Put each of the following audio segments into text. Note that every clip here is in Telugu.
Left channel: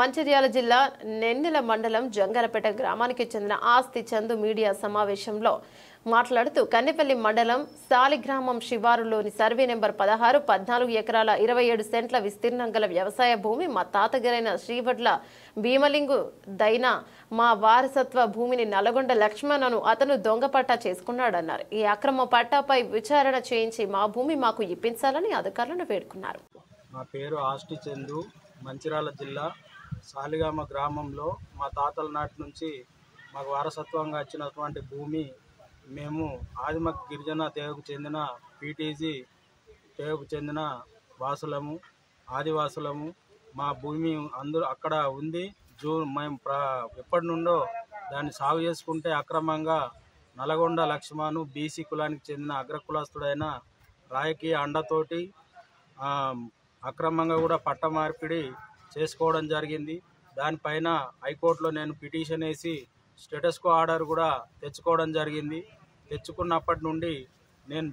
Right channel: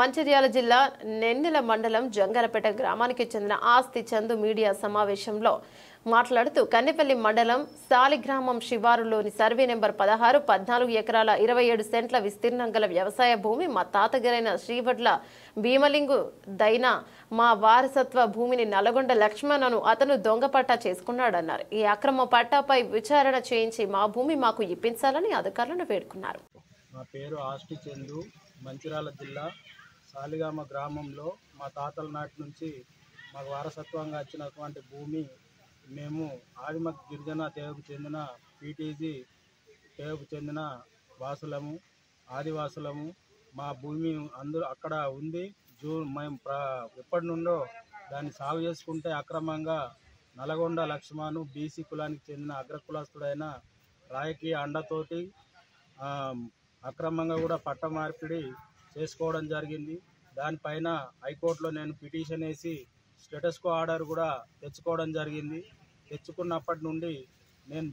మంచిర్యాల జిల్లా నెన్నెల మండలం జంగరపేట గ్రామానికి చెందిన ఆస్తి చందు మీడియా సమావేశంలో మాట్లాడుతూ కన్నెపల్లి మండలం సాలిగ్రామం శివారులోని సర్వే నెంబర్ 16 14 ఎకరాల 27 సెంట్ల విస్తీర్ణం గల వ్యవసాయ భూమి మా తాతగారైన శ్రీవడ్ల భీమలింగు దైనా మా వారసత్వ భూమిని నల్గొండ లక్ష్మణను అతను దొంగపట్టా చేసుకున్నాడన్నారు. ఈ అక్రమ పట్టాపై విచారణ చేయించి మా భూమి మాకు ఇప్పించాలని అధికారులను వేడుకున్నారు. నా పేరు ఆస్తి చందు, మంచిర్యాల జిల్లా సాలిగామ గ్రామంలో మా తాతల నాటి నుంచి మాకు వారసత్వంగా వచ్చినటువంటి భూమి మేము ఆదిమ గిరిజన తెగకు చెందిన పీటీజీ తెగకు చెందిన వాసులము, ఆదివాసులము. మా భూమి అందరూ అక్కడ ఉంది. మేము ఎప్పటి నుండో దాన్ని సాగు చేసుకుంటే అక్రమంగా నల్గొండ లక్ష్మణు బీసీ కులానికి చెందిన అగ్రకులస్తుడైన రాజకీయ అండతోటి అక్రమంగా కూడా పట్ట మార్పిడి చేసుకోవడం జరిగింది. దానిపైన హైకోర్టులో నేను పిటిషన్ వేసి స్టేటస్ కో ఆర్డర్ కూడా తెచ్చుకోవడం జరిగింది. తెచ్చుకున్నప్పటి నుండి నేను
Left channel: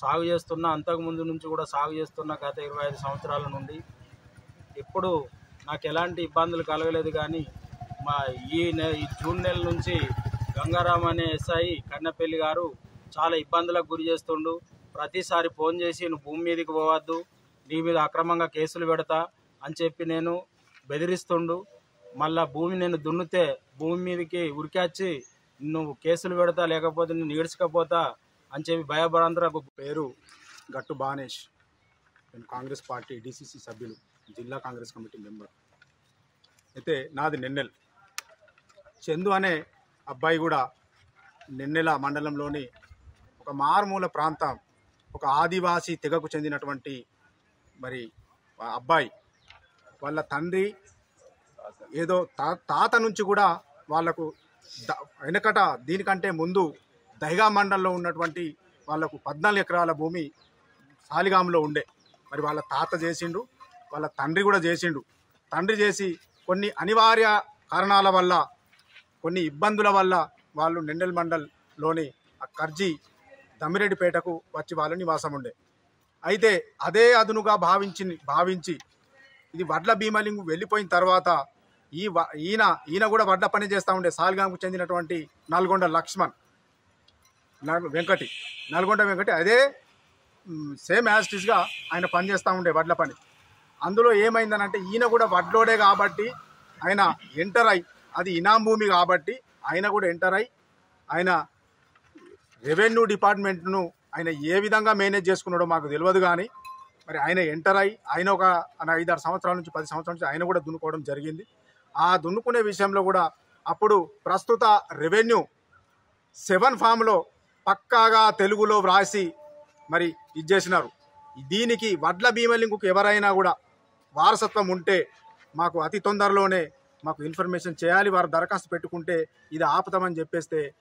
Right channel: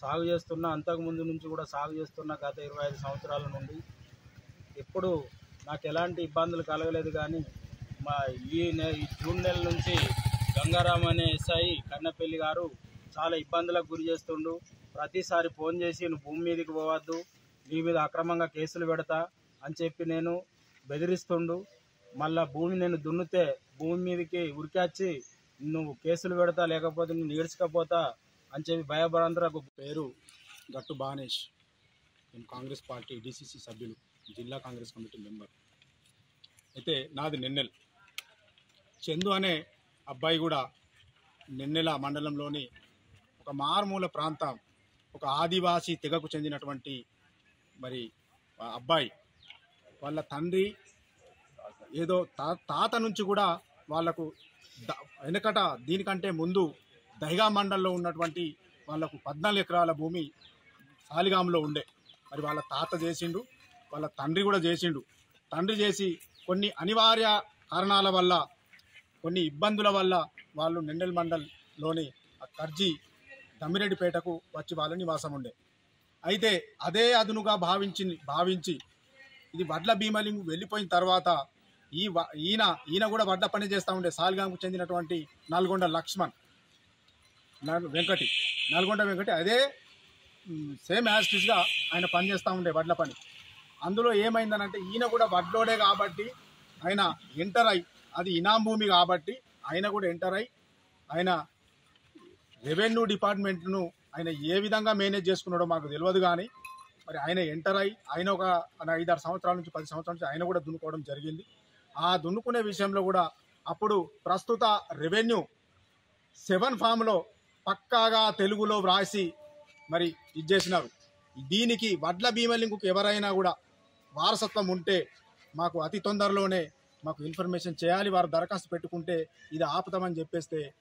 సాగు చేస్తున్న, అంతకుముందు నుంచి కూడా సాగు చేస్తున్న గత 25 సంవత్సరాల నుండి ఎప్పుడు నాకు ఎలాంటి ఇబ్బందులు కలగలేదు. కానీ ఈ జూన్ నెల నుంచి గంగారాం అనే ఎస్ఐ కన్నెపల్లి గారు చాలా ఇబ్బందులకు గురి చేస్తుండు. ప్రతిసారి ఫోన్ చేసి నువ్వు భూమి మీదకి పోవద్దు, నీ మీద అక్రమంగా కేసులు పెడతా అని చెప్పి నేను బెదిరిస్తుండు. మళ్ళా భూమి నేను దున్నితే భూమి మీదకి ఉరికొచ్చి నువ్వు కేసులు పెడతా, లేకపోతే నేను ఈడ్చకపోతా అని చెప్పి భయభ్రాంతులకు. పేరు గట్టు బానేష్, నేను కాంగ్రెస్ పార్టీ డిసిసి సభ్యులు, జిల్లా కాంగ్రెస్ కమిటీ మెంబర్. అయితే నాది నెన్నెల్. చందు అనే అబ్బాయి కూడా నెన్నెల మండలంలోని ఒక మారుమూల ప్రాంతం, ఒక ఆదివాసీ తెగకు చెందినటువంటి మరి అబ్బాయి. వాళ్ళ తండ్రి ఏదో తాత నుంచి కూడా వాళ్లకు వెనకట దీనికంటే ముందు దైగా మండలంలో ఉన్నటువంటి వాళ్లకు 14 ఎకరాల భూమి సాలిగాంలో ఉండే. మరి వాళ్ళ తాత చేసిండు, వాళ్ళ తండ్రి కూడా చేసిండు. తండ్రి చేసి కొన్ని అనివార్య కారణాల వల్ల, కొన్ని ఇబ్బందుల వల్ల వాళ్ళు నెన్నెల్ మండల్లోని కర్జీ దమ్మిరెడ్డిపేటకు వచ్చి వాళ్ళ నివాసం ఉండే. అయితే అదే అదునుగా భావించి ఇది వడ్ల భీమలింగు వెళ్ళిపోయిన తర్వాత ఈయన కూడా వడ్ల పని చేస్తూ ఉండే. సాలిగాంకు చెందినటువంటి నల్గొండ లక్ష్మణ్ నల్గొండ వెంకటి అదే సేమ్ యాజిటీస్గా ఆయన పని చేస్తూ ఉండే వడ్ల పని. అందులో ఏమైందనంటే ఈయన కూడా వడ్లోడే కాబట్టి ఆయన ఎంటర్ అయి, అది ఇనాం భూమి కాబట్టి ఆయన కూడా ఎంటర్ అయి, ఆయన రెవెన్యూ డిపార్ట్మెంట్ను ఆయన ఏ విధంగా మేనేజ్ చేసుకున్నాడో మాకు తెలియదు. కానీ మరి ఆయన ఎంటర్ అయి ఆయన ఒక 5-6 సంవత్సరాల నుంచి 10 సంవత్సరాల నుంచి ఆయన కూడా దున్నుకోవడం జరిగింది. ఆ దున్నుకునే విషయంలో కూడా అప్పుడు ప్రస్తుత రెవెన్యూ 7 ఫామ్లో పక్కాగా తెలుగులో వ్రాసి మరి ఇచ్చేసినారు. దీనికి వడ్ల భీమలింగుకు ఎవరైనా కూడా వారసత్వం ఉంటే మాకు అతి తొందరలోనే మాకు ఇన్ఫర్మేషన్ చేయాలి, వారు దరఖాస్తు పెట్టుకుంటే ఇది ఆపుతామని చెప్పేస్తే